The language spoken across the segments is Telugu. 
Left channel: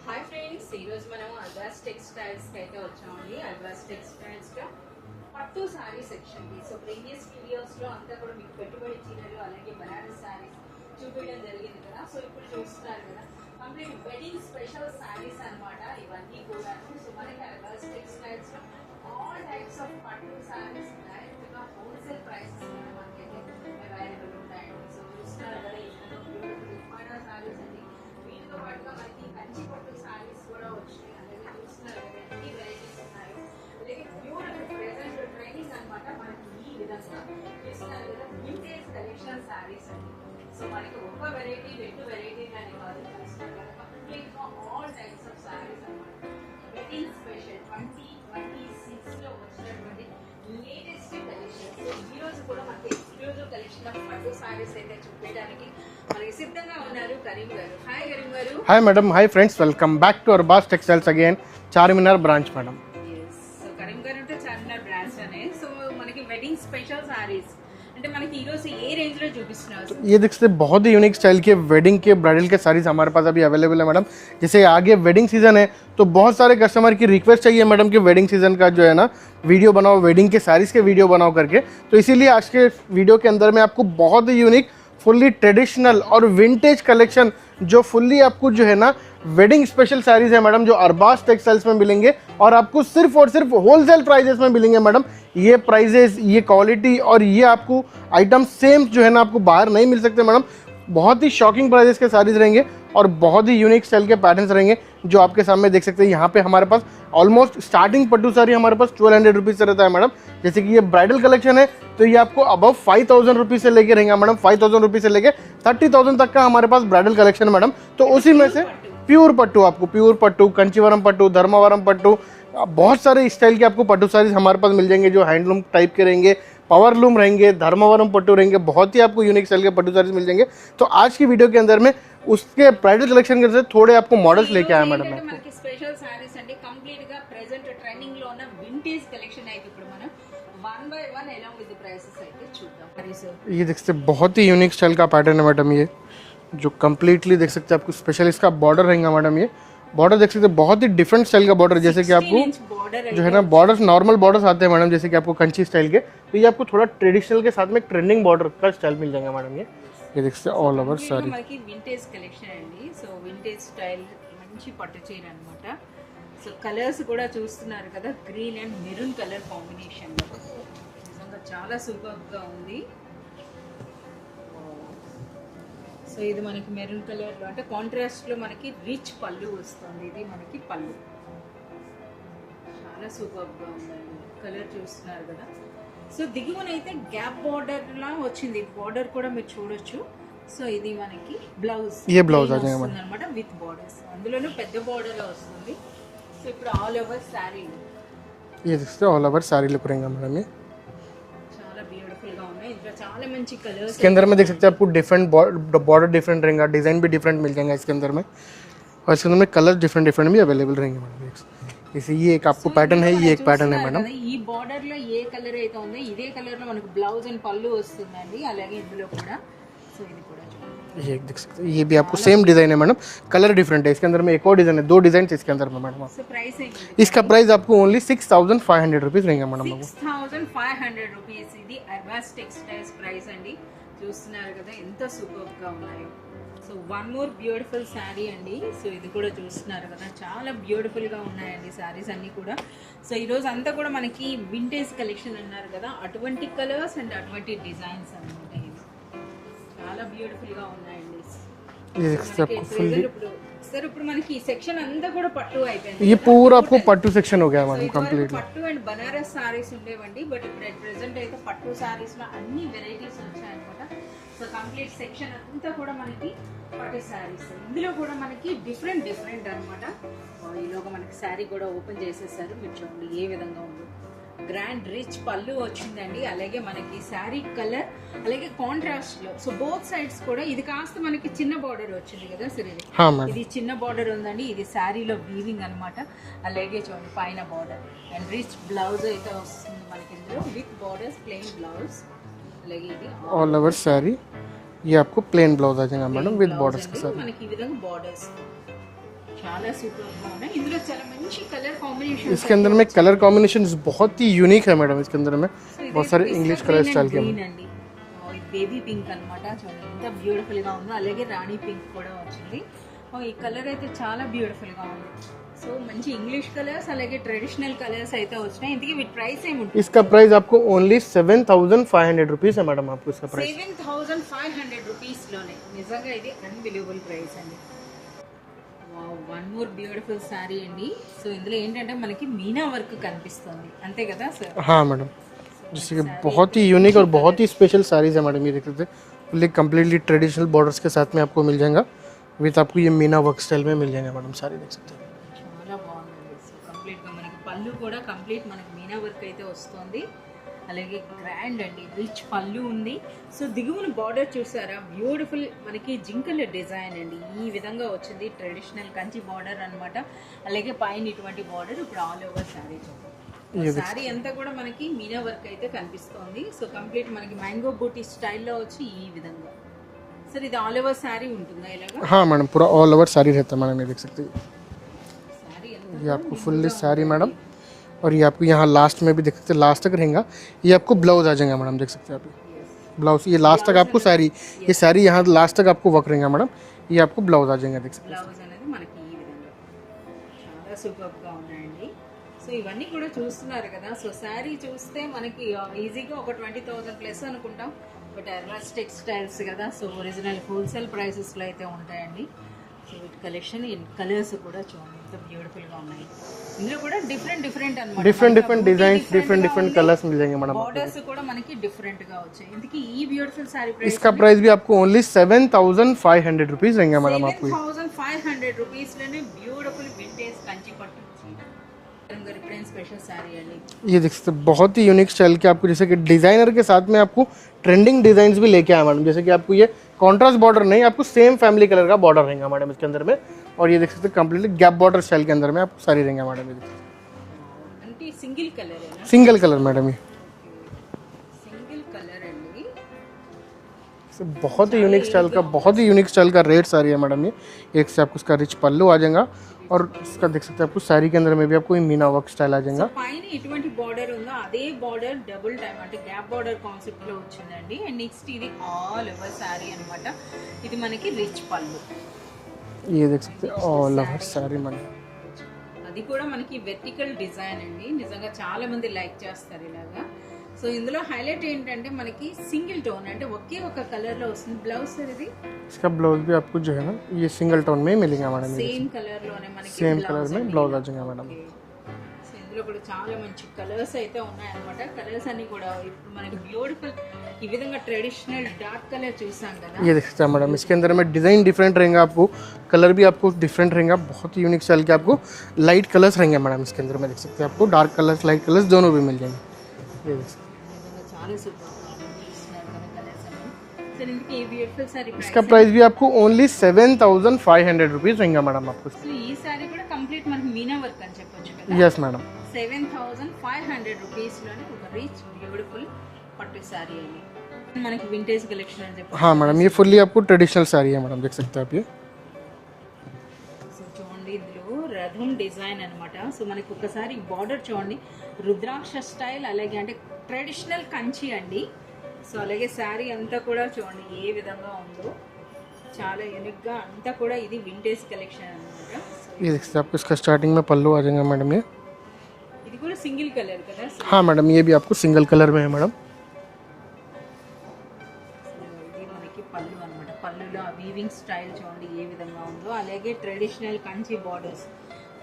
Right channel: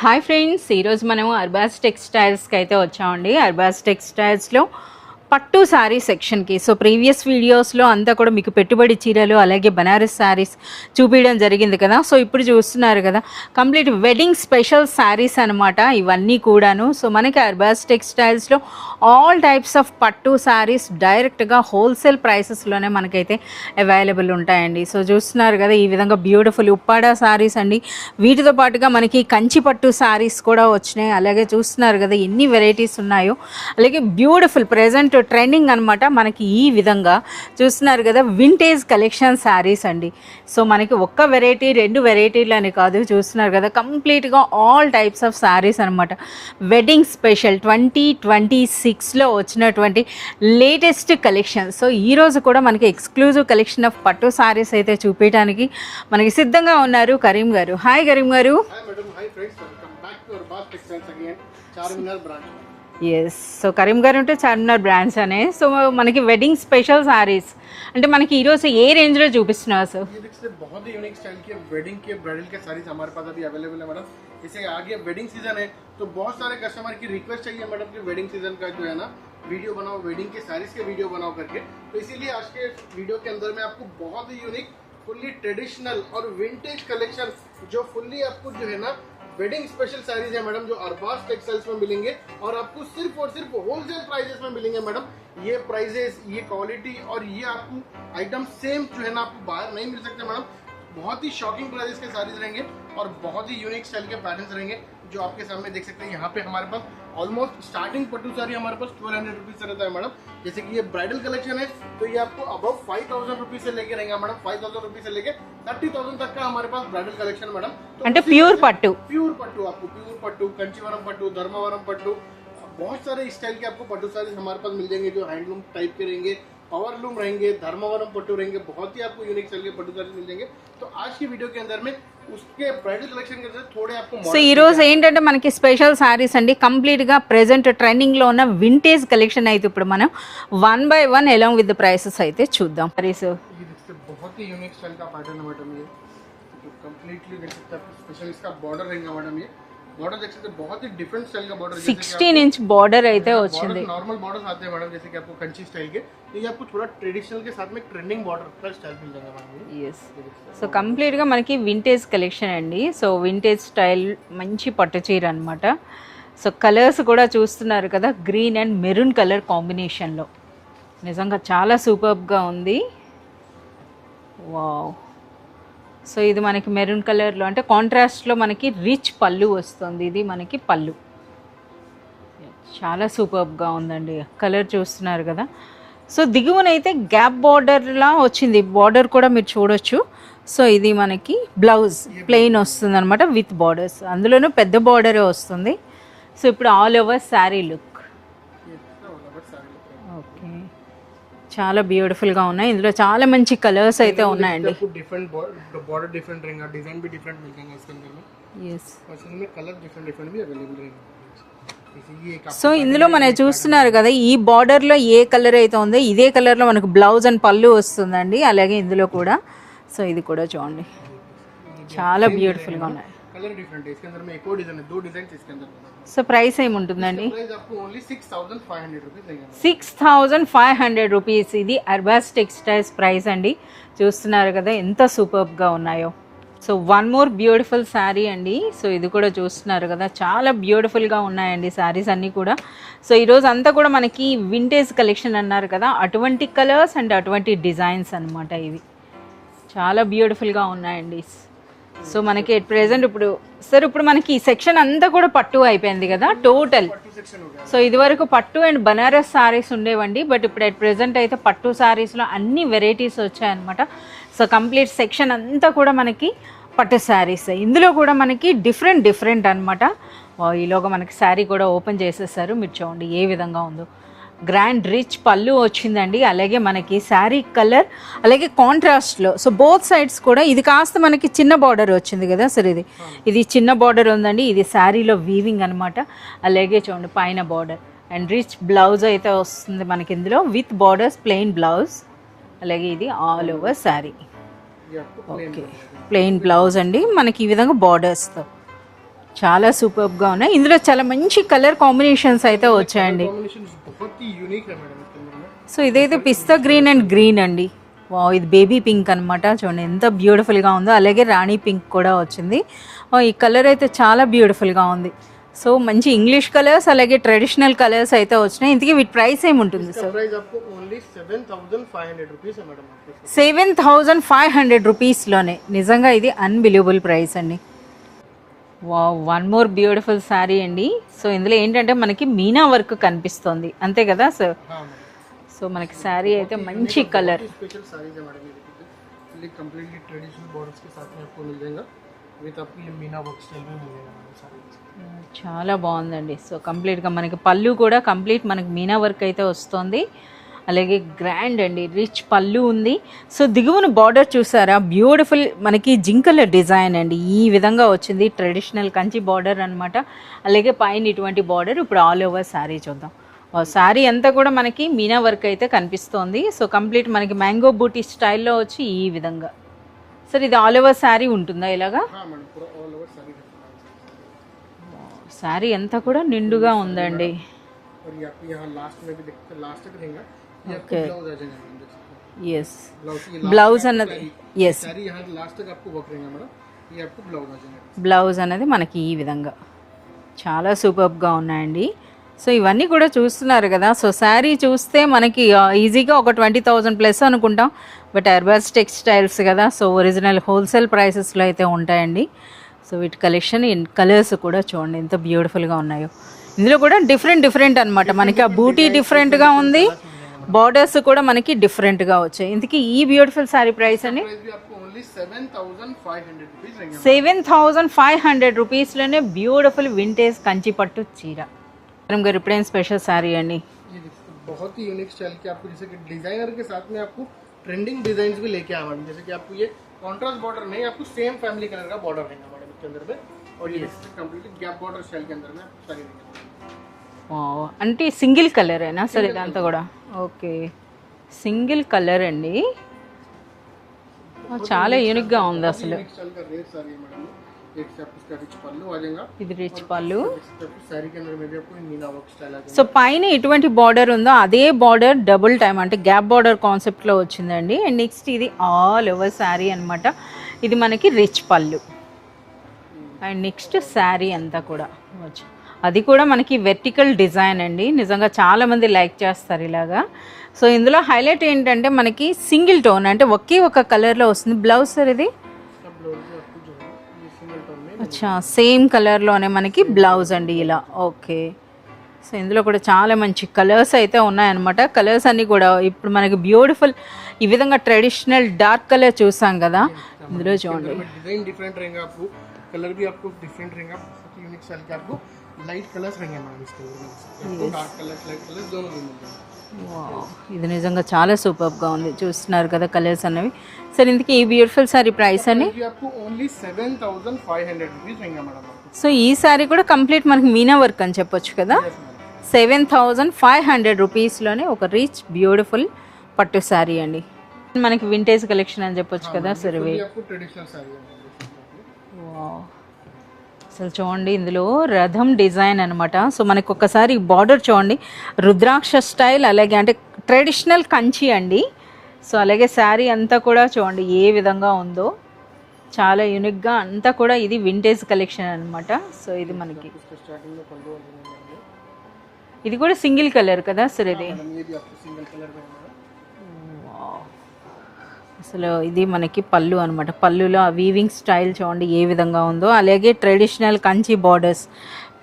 హాయ్ ఫ్రెండ్స్, ఈరోజు మనం అర్బాస్ టెక్స్టైల్స్కి అయితే వచ్చామండి. అర్బాస్ టెక్స్టైల్స్లో పట్టు శారీ సెక్షన్కి. సో ప్రీవియస్ వీడియోస్లో అంతా కూడా మీకు పెట్టుబడి చీరలు అలాగే బనారస్ శారీస్ చూపించడం జరిగింది కదా. సో ఇప్పుడు చూస్తున్నారు కదా, కంప్లీట్ వెడ్డింగ్ స్పెషల్ శారీస్ అనమాట ఇవన్నీ కూడాను. సో మనకి అర్బాస్ టెక్స్టైల్స్లో ఆల్ టైప్స్ ఆఫ్ పట్టు శారీస్ డైరెక్ట్గా హోల్సేల్ ప్రైసెస్లోనే మనకైతే అవైలబుల్ ఉంటాయండి. సో చూస్తున్నారు కదా, ఈ విధంగా బ్యూటిఫుల్ ఉప్పాడ శారీస్ అండి. వీటితో పాటుగా మనకి కంచి పట్టు శారీస్ కూడా వచ్చినాయి. అలాగే చూస్తున్నారు కదా ఎన్ని వెరైటీస్ ఉన్నాయో. అలాగే బ్యూటిఫుల్ ప్రెజెంట్ ట్రెండింగ్ అనమాట మనకి ఈ విధంగా చూస్తున్నారు కదా, వింటేజ్ కలెక్షన్ శారీస్ అండి. సో మనకి ఒక్క వెరైటీ రెండు వెరైటీలు అని కాదు, చూస్తున్నారు కదా కంప్లీట్గా ఆల్ టైప్స్ ఆఫ్ శారీస్ అనమాట. వెడ్డింగ్ స్పెషల్ 2026లో వచ్చినటువంటి లేటెస్ట్ కలెక్షన్. సో ఈరోజు కూడా మనకి ఎక్స్క్లూజివ్ కలెక్షన్ ఆఫ్ పట్టు శారీస్ అయితే చూపించడానికి మనకి సిద్ధంగా ఉన్నారు కరీం గారు. హాయ్ కరీం గారు. Hi madam. Hi friends, welcome back to Arbaz textiles again, Charminar branch madam. Yes, so Kareem గారు ఉంటే చార్మినార్ బ్రాంచ్ అనే. సో మనకి వెడ్డింग स्पेशल साड़ीज అంటే మనకి ఈ రోజు ఏ रेंज లో చూపిస్తున్నారు सर? ये देख सकते बहुत ही यूनिक स्टाइल के वेडिंग के ब्राइडल के साड़ीज हमारे पास अभी अवेलेबल है मैडम. जैसे आगे वेडिंग सीजन है तो बहुत सारे कस्टमर की रिक्वेस्ट चाहिए मैडम कि वेडिंग सीजन का जो है ना वीडियो बनाओ, वेडिंग के साड़ीज के वीडियो बनाओ करके. तो इसीलिए आज के वीडियो के अंदर में आपको बहुत ही यूनिक फुल्ली ट्रेडिशनल और विंटेज कलेक्शन जो फुल्ली आपको जो है ना वेडिंग स्पेशल साड़ीज है मैडम, जो अरबाज टेक्सटाइल्स में मिलेंगे और आपको सिर्फ और सिर्फ होलसेल प्राइजेस में मिलेंगे मैडम. ये प्राइजेस, ये क्वालिटी और ये आपको आइटम सेम जो है ना आपको बाहर नहीं मिल सकते मैडम. बहुत ही शॉकिंग प्राइजेस के साड़ीज रहेंगे और बहुत ही यूनिक स्टाइल के पैटर्न्स रहेंगे जो आपके सामने देख सकते हैं. यहाँ पे हमारे पास ऑलमोस्ट स्टार्टिंग पट्टू साड़ी हमारे पास 1200 रुपीज़ से रहता है मैडम. जैसे कि ये ब्राइडल कलेक्शन है तो ये आपको अबव 5000 रुपीज़ से लेके रहेंगे मैडम. 5000 रुपीज़ से लेके 30,000 तक का हमारे पास ब्राइडल कलेक्शन है मैडम. तो उसी प्योर पट्टू आपको प्योर पट्टू, कंचीवरम पट्टू, धर्मावरम पट्टू, बहुत सारे स्टाइल के आपको पट्टू साड़ीज हमारे पास मिल जाएंगे जो हैंडलूम टाइप के रहेंगे, पावर लूम रहेंगे, धर्मावरम पट्टू रहेंगे. बहुत ही आपको यूनिक स्टाइल के पट्टू साड़ीज मिल जाएंगे. तो आज की वीडियो के अंदर में उसके ब्राइडल कलेक्शन के थोड़े आपको मॉडल ఈ రోజు ఏంటంటే మనకి స్పెషల్ సారీస్ అండి. కంప్లీట్ గా ప్రెజెంట్ ట్రెండింగ్ లో ఉన్న వింటేజ్ కలెక్షన్ అయితే ఇప్పుడు మనం one by one along with the prices అయితే చూద్దాం. ये देख सकते बहुत ही यूनिक स्टाइल का पैटर्न है मैडम. ये जो कम्प्लीटली देख सकते हैं आपको स्पेशल इसका बॉर्डर रहेगा मैडम. ये बॉर्डर देख सकते हैं बहुत ही डिफरेंट स्टाइल का बॉर्डर, जैसे कि आपको 16 इंच बॉर्डर है. बॉर्डर्स नॉर्मल बॉर्डर्स आते हैं मैडम, जैसे कि आपको कंची स्टाइल के. तो ये आपको थोड़ा ट्रेडिशनल के साथ में ट्रेंडिंग बॉर्डर का स्टाइल मिल जाएगा मैडम. ये देख सकते हैं कंप्लीट గా మనకి వింటేజ్ కలెక్షన్ అండి. సో వింటేజ్ స్టైల్ మంచి పట్టు చీర అన్నమాట. సో కలర్స్ కూడా చూస్తున్నారు కదా, green and maroon colour combination లో నిజంగా చాలా సూపర్బ్ గా ఉంది. వావ్. సో ఇది మనకి మెరూన్ కలర్లో అంటే కాంట్రాస్ట్లో మనకి రిచ్ పళ్ళు వస్తుంది. ఇది మనకి పళ్ళు చాలా సూపర్గా ఉందండి. కలర్ చూస్తున్నారు కదా. సో దిగువనైతే గ్యాప్ బార్డర్లా వచ్చింది, బార్డర్ కూడా మీరు చూడొచ్చు. సో ఇది మనకి బ్లౌజ్ ప్లెయిన్ వస్తుంది అనమాట విత్ బార్డర్స్, అందులోనూ పెద్ద బార్డరే వస్తుంది. సో ఇప్పుడు ఆల్ ఓవర్ శారీ లుక్, చాలా బ్యూటిఫుల్ గా ఉన్నాయి. ఇందులో చాలా మంచి కలర్స్ అయితే ఉన్నాయి. आपको डिफरेंट बॉर्डर डिफरेंट रहेगा, डिजाइन भी डिफरेंट मिल जाएगा इसके अंदर में. और इसके अंदर में कलर डिफरेंट डिफरेंट भी अवेलेबल रहेंगे. इसी ये एक आपको पैटर्न है. ఇందులో మనం చూస్తున్నారు కదా, ఈ బార్డర్ లో ఏ కలర్ అయితే ఉందో ఇదే కలర్ లో మనకు బ్లౌజ్ అండ్ పళ్ళు వస్తుందండి. అలాగే ఇందులో కూడా సో ఇది కూడా చూడండి, ये देख सकते हैं. ये भी आपको सेम डिजाइन है मैडम, कलर डिफरेंट है. इसके अंदर में एक और डिजाइन है, दो डिजाइन इसके अंदर में मैडम. సో ప్రైస్ ఏముంటుంది? इसका प्राइस आपको ओनली 6500 रुपीस रहेगा मैडम. 6500 రూపీస్. ఇది అర్బాస్ టెక్స్టైల్స్ ప్రైస్ అండి. చూస్తున్నారు కదా ఎంత సూపర్బ్ గా ఉన్నాయో. So one more beautiful sari అండి. సో ఇది కూడా చూస్తున్నారు కదా, చాలా బ్యూటిఫుల్గా ఉన్నాయండి శారీస్ అన్నీ కూడా. సో ఈరోజు అంతా కూడా మనకి వింటేజ్ కలెక్షన్ అన్నారు కదా, అటువంటి కలర్స్ అండ్ అటువంటి డిజైన్స్ అన్నమాట. ఇవి చాలా బ్యూటిఫుల్గా ఉన్నాయండి. సో మనకి ప్రెసెంట్ ఇప్పుడు సార్ ఇప్పుడు మనకి ఈ సెక్షన్ అంతా కూడా పట్టు అయిపోయింది కదా, టోటల్ పట్టు సెక్షన్ हो गया. సో ఇది వరకు పట్టు అండ్ బనారస్ సారీస్ ఉండేవండి, బట్ ఇప్పుడు అట్ ప్రెసెంట్ అయితే పట్టు సారీస్లో అన్ని వెరైటీస్ వచ్చాయన్నమాట. సో కంప్లీట్ సెక్షన్ అంతా కూడా మనకి పట్టు శారీస్. ఇందులో కూడా మనకి డిఫరెంట్ అనమాట. ఈలోగా మనకి శారీ కూడా ఓపెన్ చేసేసారు, మీరు చూడండి ఏ విధంగా ఉందో. గ్రాండ్ రిచ్ పళ్ళు వచ్చిందండి. అలాగే మనకి శారీ కలర్ అలాగే కాంట్రాస్ట్లో. సో బోత్ సైడ్స్ కూడా ఇది కాస్త మనకి చిన్న బార్డర్ వచ్చింది కదా సార్, ఇది చిన్న బార్డర్ ఉందండి. ఇది శారీలో వీవింగ్ అనమాట. అలాగే చూడండి పైన బార్డర్ అండ్ రిచ్ బ్లౌజ్ అయితే వస్తుంది మనకి ఇందులో విత్ బార్డర్స్, ప్లెయిన్ బ్లౌజ్. అలాగే ఇది ఆల్ ఓవర్ శారీ. ये आपको प्लेन ब्लाउज आ जाएगा, ప్లెయిన్ బ్లౌజ్ అండి మనకి ఈ విధంగా బార్డర్స్తో. చాలా సూపర్ గా ఉన్నాయి. ఇందులో చాలా మంచి కలర్ కాంబినేషన్స్ అయితే कलर వచ్చాయండి. कॉम्बिनेशन बहुत ही यूनिक है मैडम इसके अंदर में. సో ఇదైతే పిస్తా గ్రీన్ అండ్ గ్రీన్ అండి. వావ్, ఇది బేబీ పింక్ అన్నమాట. చూడండి ఎంత బ్యూటిఫుల్ గా ఉందో. అలాగే రాణి పింక్ కూడా వచ్చింది. ఈ కలర్ అయితే చాలా బ్యూటిఫుల్ గా ఉంది. సో మంచి ఇంగ్లీష్ కలర్స్ అలాగే ట్రెడిషనల్ కలర్స్ అయితే వచ్చినాయి. ఇంతకీ వీటి ప్రైస్ ఏముంటుంది? इसका प्राइस आपको ओनली 7500 रुपीस है मैडम. आपको इसका 7500 రూపీస్లోనే. నిజంగా ఇది అన్బిలీవబుల్ ప్రైస్ అండి. Wow, one more beautiful sari అండి. సో ఇందులో ఏంటంటే మనకి మీనా వర్క్ కనిపిస్తుంది, అంతే కదా సార్? हाँ मैडम, సో మనకి శారీ बहुत ही यूनिक और बहुत ही स्पेशल साड़ीज है मैडम. ये देख सकते हैं फुल्ली कंप्लीटली ट्रेडिशनल बॉर्डर्स के साथ में आपको मिल जाएगा. विथ आपको ये मीना वर्क स्टाइल में मिल जाएगा मैडम. साड़ी देख सकते हैं, చాలా బాగుందండి. సో కంప్లీట్గా మనకి పళ్ళు కూడా కంప్లీట్ మనకి మీనా వర్క్ అయితే వస్తుంది. అలాగే గ్రాండ్ అండి, రిచ్ పళ్ళు ఉంది. సో దిగువన బార్డర్ చూసారా, బ్యూటిఫుల్ మనకి జింకల డిజైన్ అండి. ఈ విధంగా వచ్చింది, ట్రెడిషనల్ కంచి బార్డర్ అన్నమాట. అలాగే పైన ఇటువంటి బార్డర్. ఇప్పుడు ఆల్ ఓవర్ శారీ చూద్దాం. శారీ అంతా కూడా మనకి మీనా వర్క్ అయితే కనిపిస్తోంది. సో కంప్లీట్ మనకి మ్యాంగో బూటీ స్టైల్లో వచ్చి ఈ విధంగా. సార్ ఇది ఆల్ ఓవర్ శారీ ఉంటుందా ఇలాగా? हाँ मैडम, पूरा ऑल ओवर साड़ी रहता है मैडम. ये देख सकते हैं శారీ అంతా కూడా నిండుగా ఉందండి. और ये आपको यहाँ लास्ट में भी देख सकते हैं, लास्ट तक रहेगा. ये आपको ब्लाउज आ जाएगा मैडम, देख सकते हैं आप. यस, ब्लाउज ये लास्ट तक आपको साड़ी, ये साड़ी यहाँ लास्ट तक आपको वर्क रहेगा मैडम. ये आपको ब्लाउज आ जाएगा, देख सकते బ్లౌజ్ అనేది మనకి ఈ విధంగా చాలా సూపర్గా ఉన్నాయండి. సో ఇవన్నీ కూడా చూస్తున్నారు కదా. సో శారీ చూస్తే మనకి ఈజీగా ఒక 20,000 ప్లస్ అనుకుంటాం. బట్ అర్బాస్ టెక్స్టైల్స్ కదా, సో ఒరిజినల్ హోల్సేల్ ప్రైసెస్లో అయితే ఉంటాయండి. సో వీటి కలెక్షన్ కలర్స్ కూడా చూడండి ఎంత బ్యూటిఫుల్గా ఉన్నాయో. ఇందులో కూడా డిఫరెంట్ అన్నమాట. మనకి ఆ బూటీ డిఫరెంట్గా ఉంది, బార్డర్స్ కూడా మనకి డిఫరెంట్గా వచ్చాయి. ఇంతకీ ఈ బ్యూటిఫుల్ సారీ ప్రైస్? इसका प्राइस भी आपको ओनली 7500 रुपीस रहेगा मैडम. 7500 రూపీస్లోనే బ్యూటిఫుల్ వింటేజ్ కంచి పట్టు చీర. मैडम गाరు ఇప్పుడేం స్పెషల్ సారీ అండి? ये देख सकते हैं बहुत ही यूनिक स्टाइल के आपको, जैसे कि डिजाइनर के साथ में आपको ट्रेंडिंग डिजाइन भी लेके आया मैडम. जैसे कि आपको ये कॉन्ट्रास्ट बॉर्डर नहीं, आपको सेम फैमिली कलर का बॉर्डर रहेगा मैडम इसके अंदर में. और ये देख सकते हैं कंप्लीटली गैप बॉर्डर स्टाइल के अंदर में आपको सारी रहेगा मैडम. అంటే సింగిల్ కలరేనా? Single colour madam. Okay, single colour అండి. बहुत ही यूनिक स्टाइल का, बहुत ही यूनिक स्टाइल का रेड साड़ी है मैडम. ये एक से आपको इसका रिच पल्लू आ जाएगा. और इसका देख सकते हैं आपको साड़ी के अंदर में भी आपको मीना वर्क स्टाइल आ సో जाएगा. పైన ఎటువంటి బార్డర్ ఉందో అదే బార్డర్ డబుల్ టైమ్ అంటే గ్యాప్ బార్డర్ కాన్సెప్ట్ లో వచ్చిందండి. అండ్ నెక్స్ట్ ఇది ఆల్ ఓవర్ శారీ అన్నమాట. ఇది మనకి రిచ్ పళ్ళు. ये देख అండ్ నెక్స్ట్ శారీ అంతా కూడా అది కూడా మనకి వెర్టికల్ డిజైన్ అండి. నిజంగా చాలా మంది లైక్ చేస్తారు ఇలాగా. సో ఇందులో హైలైట్ ఏంటంటే మనకి సింగిల్ టోన్ అంటే ఒకే ఒక కలర్ లో వస్తుంది. బ్లౌజ్ సార్ ఇది? इसका ब्लाउज भी आपको जो है ना ये सिंगल टोन में मिलेगा. సేమ్ కలర్ లోనే మనకి బ్లౌజ్ అండి ఇలా. ఓకే, సో ఇందులో కూడా చాలా మంచి కలర్స్ అయితే ఉన్నాయన్నమాట. కలర్స్ అన్ని కూడా ఇప్పుడు మనకి బ్యూటిఫుల్ ఈ విధంగా ట్రెడిషనల్ డార్క్ కలర్ చూసాం కదా. ये देख सकते हैं मैडम, इसके अंदर में डिजाइन डिफरेंट रहेगा. आपको कलर भी आपको डिफरेंट रहेगा. बहुत ही यूनिक स्टाइल के आपको लाइट कलर्स रहेंगे मैडम इसके अंदर में. देख सकते हैं आपको डार्क कलर्स लाइट कलर्स दोनों भी मिल जाएंगे. ఇది నిజంగా చాలా సూపర్గా ఉంది. చూస్తున్నారు కదా కలర్స్ అనేవి. సరే ఇందుకు ఈ బ్యూటిఫుల్ సారీ ప్రైస్? इसका प्राइस भी आपको ओनली 7500 रुपीस रहेगा मैडम आपको. సో ఈ సారీ కూడా కంప్లీట్ మనకి మీనా వర్క్ అని చెప్పొచ్చు కదా. यस मैडम, 7500 రూపీస్లోనే ఒక రిచ్ బ్యూటిఫుల్ పట్టు సారీ అండి. మనకి వింటేజ్ కలెక్షన్ అని చెప్పొచ్చు. हाँ मैडम, ये फुल्ली आपको ट्रेडिशनल साड़ी है मैडम. देख सकते हैं आप ये. అసలు చూడండి ఇందులో రథం డిజైన్ అనమాట. సో మనకి ఒక్కసారి బార్డర్ చూడండి, రుద్రాక్ష స్టైల్, అలాగే అంటే ట్రెడిషనల్ కంచి అండి. సో అలాగే శారీ అంతా కూడా చూడండి ఏ విధంగా ఉందో, చాలా యూనిక్గా అంతా కూడా ఇది వింటేజ్ కలెక్షన్ అనమాట. సో ఇది आपको इसका स्टार्टिंग में पल्लू आ जाएगा मैडम. ये ఇది కూడా సింగిల్ కలర్ కదా సరే? हाँ मैडम, ये भी आपको सिंगल कलर में है मैडम. అసలు ఇది మనకి పళ్ళు అనమాట. పళ్ళులో ఆ వీవింగ్ స్టైల్ చూడండి ఏ విధంగా ఉందో. అలాగే ట్రెడిషనల్ కంచి బార్డర్స్,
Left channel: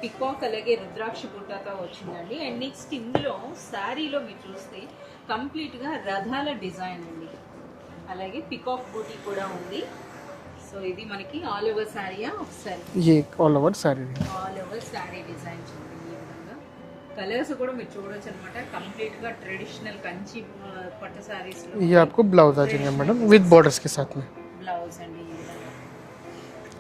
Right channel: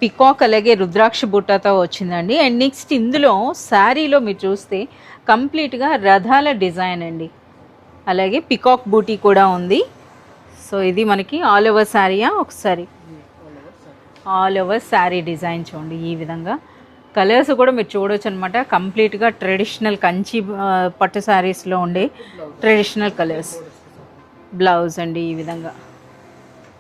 పికాక్ అలాగే రుద్రాక్ష బుట్టతో వచ్చిందండి. అండ్ నెక్స్ట్ ఇందులో శారీలో మీరు చూస్తే కంప్లీట్గా రథాల డిజైన్ అండి. అలాగే పికాక్ బూటీ కూడా ఉంది. సో ఇది మనకి ఆల్ ఓవర్ శారీయా? ఒకసారి ये all over sari all over sari design చూడండి ఈ విధంగా. కలర్స్ కూడా మీరు చూడొచ్చు అనమాట. కంప్లీట్గా ట్రెడిషనల్ కంచి పట్టు శారీస్లో ये ఉండే आपको ब्लाउज आ ट्रेडिशनल जाएगा विद बॉर्डर्स के साथ में. బ్లౌజ్ అండి ఈ విధంగా.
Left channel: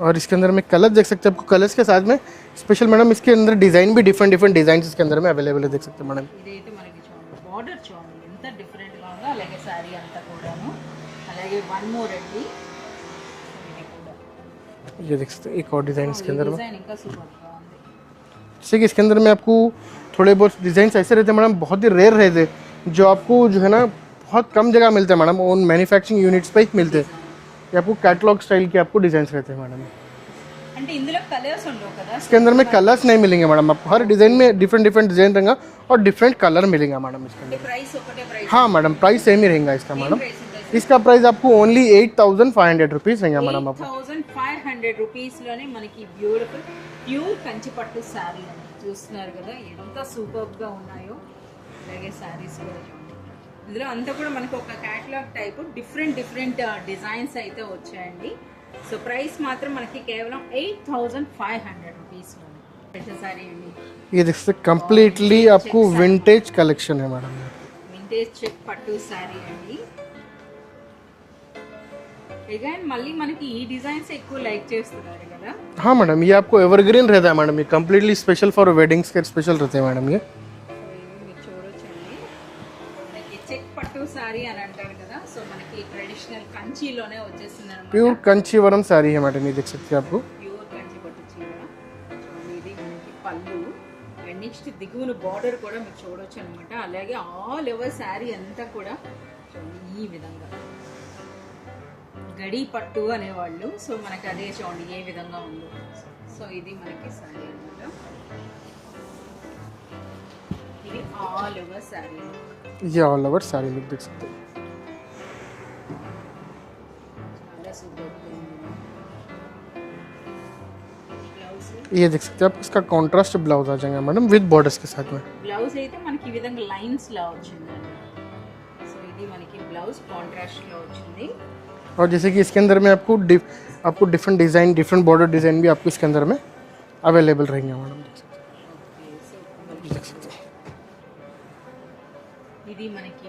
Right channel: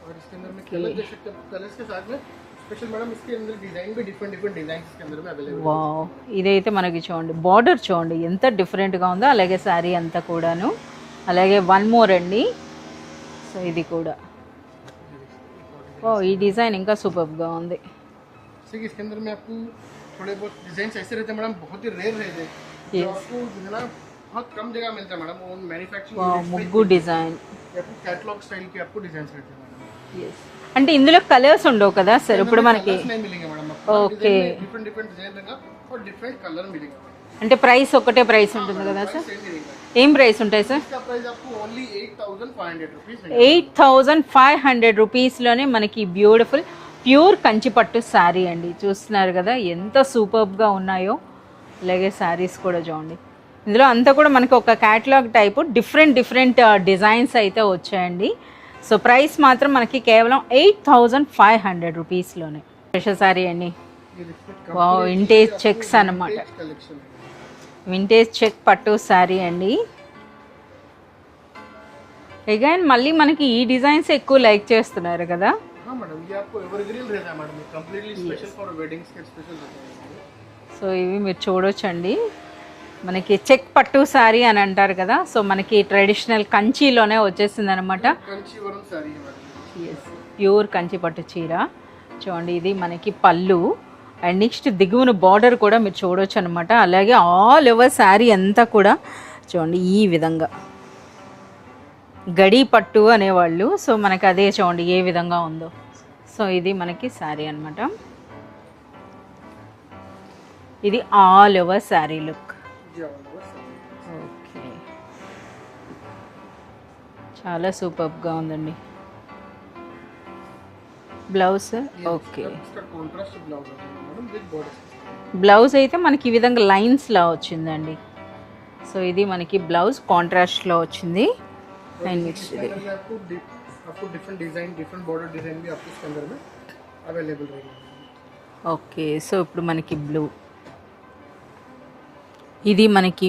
और इसके अंदर में कलर देख सकते हैं आपको. कलर्स के साथ में स्पेशल मैडम इसके अंदर डिजाइन भी डिफरेंट डिजाइन इसके अंदर में अवेलेबल है. देख सकते हैं मैडम. ఇదైతే మనకి చూడండి బార్డర్ చూడండి ఎంత డిఫరెంట్గా ఉందో. అలాగే శారీ అంతా కూడాను. అలాగే వన్ మోర్ అండి. సో ఇది కూడా ये देख सकते हैं एक और डिजाइन ఓ इसके ఈ अंदर में। డిజైన్ ఇంకా సూపర్ గా ఉంది. जैसे कि इसके अंदर में आपको थोड़े बहुत डिजाइन ऐसे रहते हैं मैडम, बहुत ही रेयर रहते हैं, जो आपको जो है ना बहुत कम जगह मिलते हैं मैडम, ओन मैन्युफैक्चरिंग यूनिट्स पे ही గుడ్ मिलते हैं। డిజైన్. ये आपको कैटलॉग स्टाइल के आपको डिजाइन रहते हैं मैडम। అంటే ఇందులో కలర్స్ ఉండవు కదా इसके సార్? अंदर में कलर्स नहीं मिलेंगे मैडम, आपको हर डिजाइन में डिफरेंट डिफरेंट डिजाइन रहेगा और डिफरेंट कलर मिलेगा मैडम। అంటే ప్రైస్ ఒకటే ప్రైస్? हाँ मैडम, प्राइस सेम ही रहेगा इसका। ఏం ప్రైస్ ఉంటాయి సార్? इसका प्राइस आपको ओनली 8500 रुपीज रहेगा मैडम। 8500 రూపీస్లోనే మనకి బ్యూటిఫుల్ ప్యూర్ కంచిపట్టు శారీ అండి. చూస్తున్నారు కదా ఎంత సూపర్గా ఉన్నాయో. అలాగే శారీస్ కూడా చూడండి. ఇందులో అంతా కూడా మనకి ఒక క్యాటలాగ్ టైపు డిఫరెంట్ డిజైన్స్ అయితే వచ్చాయండి. సో ప్రైస్ మాత్రం మనకి కేవలం 8500 రూపీస్లోనే. స్పెషల్ శారీ అండి. ये देख सकते कंप्लीटली vintage आपको checks अన్నమాట. विंटेज कलेक्शन है मैडम। వింటేజ్ చెక్ పట్టు శారీ అండి. అగైన్ మళ్ళీ మనకి ఈ డిజైన్స్ ఎక్కువ లైక్ చేస్తున్నారు కదా? हाँ मैडम, ये आपको एवरग्रीन रहता है मैडम, ये कंप्लीटली स्पेशल फॉर वेडिंग्स के स्पेशल रहते हैं मैडम ये। సో ఇవి మీరు చూడొచ్చండి. మనకి చెక్ పట్టు శారీ అని అంటారు కదా, సో మనకి ట్రెడిషనల్ కంచిలోనే వచ్చేసింది అనమాట. प्योर कंचीवरम साड़ी है मैडम, ये देख सकते हैं आपको। ప్యూర్ కంచి పట్టు చీర చూడండి. ఇది మనకి పళ్ళు అండ్ నెక్స్ట్ దిగువన బార్డర్ కూడా మీరు చూడొచ్చు అనమాట. అలాగే ఆల్ ఓవర్ శారీ అంతా కూడా చూడండి ఈ విధంగా గడి పట్టు అనేవాళ్ళు. సో మనకి అదే చూడండి ఏ విధంగా ఉందో. సో ఇది మనకి శారీ అనమాట. ఇది ఆల్ ఓవర్ శారీ లుక్. ये ऑल ओवर साड़ी लुक देख सकते हैं। చాలా సూపర్గా ఉందండి. బ్లౌజ్ ये देख सकते हैं आप, इसका कॉन्ट्रास्ट ब्लाउज आ जाएगा मैडम विद बॉर्डर्स के साथ में। బ్లౌజ్ అయితే మనకి ఈ విధంగా లైన్స్ లా వచ్చిందండి. సో ఇది మనకి బ్లౌజ్ కాంట్రాస్ట్ లో వచ్చింది. और जैसे कि इसके अंदर में आपको different design, different border design भी आपको इसके अंदर में अवेलेबल रहेंगे मैडम। ఓకే సో ఇప్పుడు మనకి బ్లూ, ఇది మనకి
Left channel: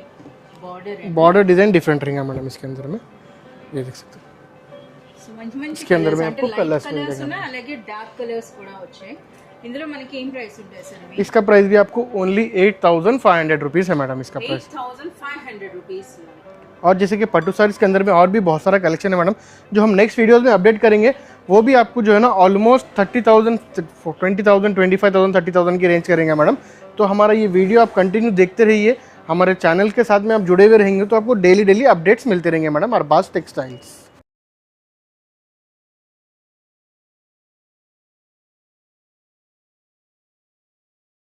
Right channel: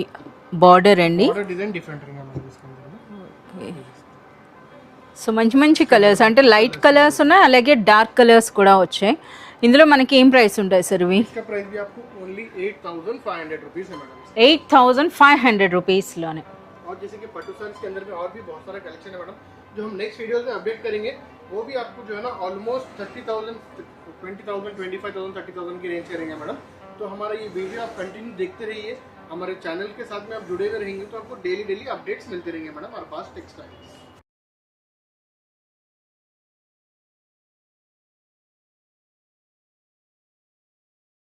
బార్డర్ అండి. बॉर्डर डिजाइन डिफरेंट रहेगा मैडम इसके अंदर में, ये देख सकते हैं। సో మంచి మంచి కలర్స్ అంటే లైట్ కలర్స్ ఉన్నాయి, అలాగే డార్క్ కలర్స్ కూడా వచ్చాయి. ఇందులో మనకి ఏం ప్రైస్ ఉంటాయి సార్ ఇవి? इसका प्राइस भी आपको ओनली 8500 रुपीज है मैडम इसका। 8500 रూపీస్లోనే. और जैसे कि पट्टू साड़ीज के अंदर में और भी बहुत सारा कलेक्शन है मैडम, जो हम नेक्स्ट वीडियोस में अपडेट करेंगे। वो भी आपको जो है ना ऑलमोस्ट 30,000, 20,000, 25,000, 30,000 की रेंज करेंगे मैडम। तो हमारा ये वीडियो आप कंटिन्यू देखते रहिए, हमारे चैनल के साथ में आप जुड़े हुए रहेंगे तो आपको डेली अपडेट्स मिलते रहेंगे मैडम अरबाज टेक्सटाइल्स।